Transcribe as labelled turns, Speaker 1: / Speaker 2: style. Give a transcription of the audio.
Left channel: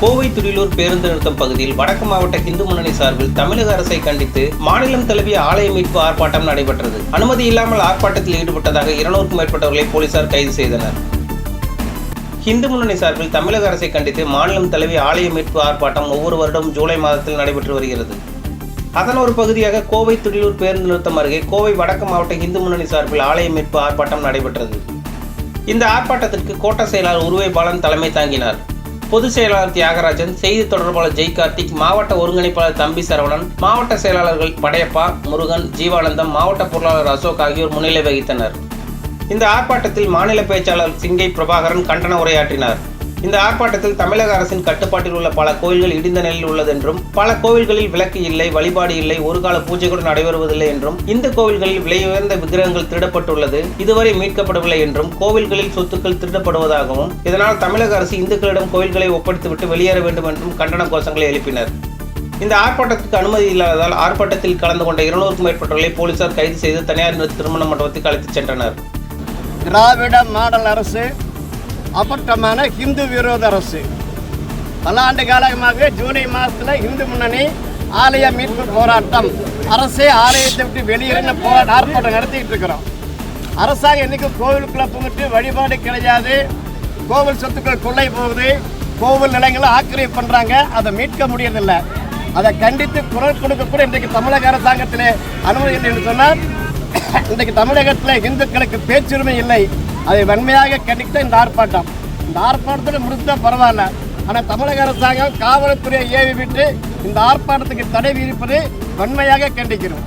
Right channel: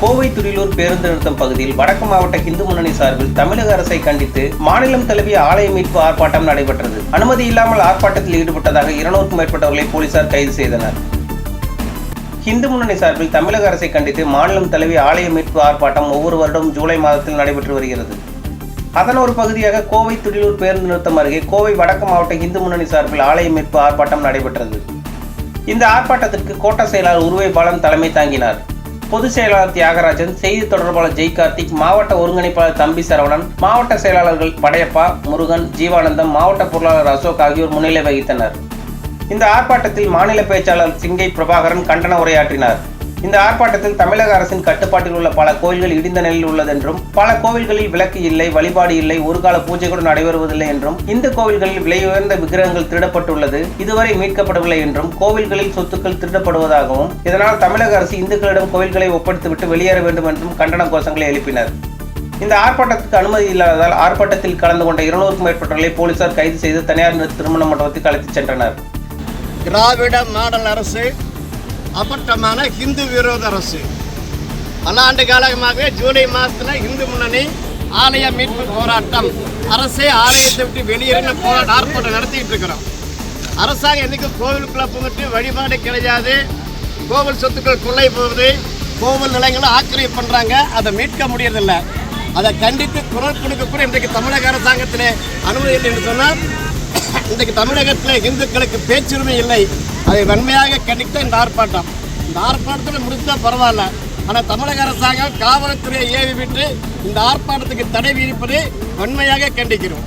Speaker 1: கோவை துடிலூர் பேருந்து நிறுத்தம் பகுதியில் வடக்கு மாவட்ட இந்து முன்னணி சார்பில் தமிழக அரசை கண்டித்து மாநிலம் தழுவிய ஆலய மீட்பு ஆர்ப்பாட்டம் நடைபெற்றது. அனுமதி இல்லாமல் ஆர்ப்பாட்டத்தில் ஈடுபட்டதாக இருநூறுக்கும் மேற்பட்டவர்களை போலீசார் கைது செய்தனர். இந்து முன்னணி சார்பில் தமிழக அரசை கண்டித்து மாநிலம் தழுவிய ஆலய மீட்பு ஆர்ப்பாட்டம் ஒவ்வொரு வருடம் ஜூலை மாதத்தில் நடைபெற்று வருகிறது. அதன் ஒரு பகுதியாக கோவை துடிலூர் பேருந்து நிறுத்தம் அருகே கோவை வடக்கு மாவட்ட இந்து முன்னணி சார்பில் ஆலய மீட்பு ஆர்ப்பாட்டம் நடைபெற்றது. இந்த ஆர்ப்பாட்டத்திற்கு கோட்ட செயலாளர் உருவை பாலன் தலைமை தாங்கினார். பொதுச் செயலாளர் தியாகராஜன் செய்தி தொடர்பாளர் ஜெய் கார்த்திக் மாவட்ட ஒருங்கிணைப்பாளர் தம்பி சரவணன் மாவட்ட செயலாளர்கள் படையப்பா முருகன் ஜீவானந்தம் மாவட்ட பொருளாளர் அசோக் ஆகியோர் முன்னிலை வகித்தனர். இந்த ஆர்ப்பாட்டத்தில் மாநில பேச்சாளர் சிங்கை பிரபாகரன் கண்டன உரையாற்றினார். இந்த ஆர்ப்பாட்டத்தில் தமிழக அரசின் கட்டுப்பாட்டில் உள்ள பல கோயில்கள் இடிந்த நிலையில் உள்ளதென்றும் பல கோவில்களில் விளக்கு இல்லை வழிபாடு இல்லை ஒரு கால பூஜை கூட நடைபெறுவதில்லை என்றும் இந்த கோவில்களில் விலை உயர்ந்த விக்கிரகங்கள் திருடப்பட்டுள்ளது இதுவரை மீட்கப்படவில்லை என்றும் கோவில்களில் சொத்துக்கள் திருடப்படுவதாகவும் இதனால் தமிழக அரசு இந்துக்களிடம் கோவில்களை ஒப்படைத்துவிட்டு வெளியேற வேண்டும் என்றும் கண்டன கோஷங்களை எழுப்பினர். இந்த ஆர்ப்பாட்டத்துக்கு அனுமதி இல்லாததால் ஆர்ப்பாட்டத்தில் கலந்து கொண்ட இருநூறுக்கும் மேற்பட்டவர்களை போலீசார் கைது செய்து தனியார் திருமண மண்டபத்துக்கு அழைத்துச் சென்றனர்.
Speaker 2: திராவிட மாடல் அரசு அப்பட்டமான ஹிந்து விரோத அரசு. பல ஆண்டு காலமாகவே ஜூலை மாதத்தில் இந்து முன்னணி ஆலய மீட்பு போராட்டம் அரசே ஆலயத்தை விட்டு வெளியேறின போராட்ட ஆர்ப்பாட்டம் நடத்திட்டு இருக்கிறோம். அரசாங்கம் இன்னைக்கு கோவிலுக்குள்ள புகுட்டு வழிபாடு கிடையாது. கோவில் சொத்துக்கள் கொள்ளை போகுது. கோவில் நிலங்களை ஆக்கிரமிப்பு பண்ணுறாங்க அதை மீட்க முடியறதில்லை. அதை கண்டித்து குரல் கொடுக்க கூட இன்றைக்கு தமிழக அரசாங்கத்திலே அனுமதி இல்லை என்று சொன்னால் இன்றைக்கு தமிழகத்தில் இந்துக்களுக்கு பேச்சுரிமை இல்லை. அதை வன்மையாக கண்டித்து இந்த ஆர்ப்பாட்டம். இந்த ஆர்ப்பாட்டத்தில் முடித்தா பரவாயில்ல. ஆனால் தமிழக அரசாங்கம் காவல்துறையை ஏவி விட்டு இந்த ஆர்ப்பாட்டத்துக்கு தடை விதிப்பது வன்மையாக கண்டிக்கிறோம்.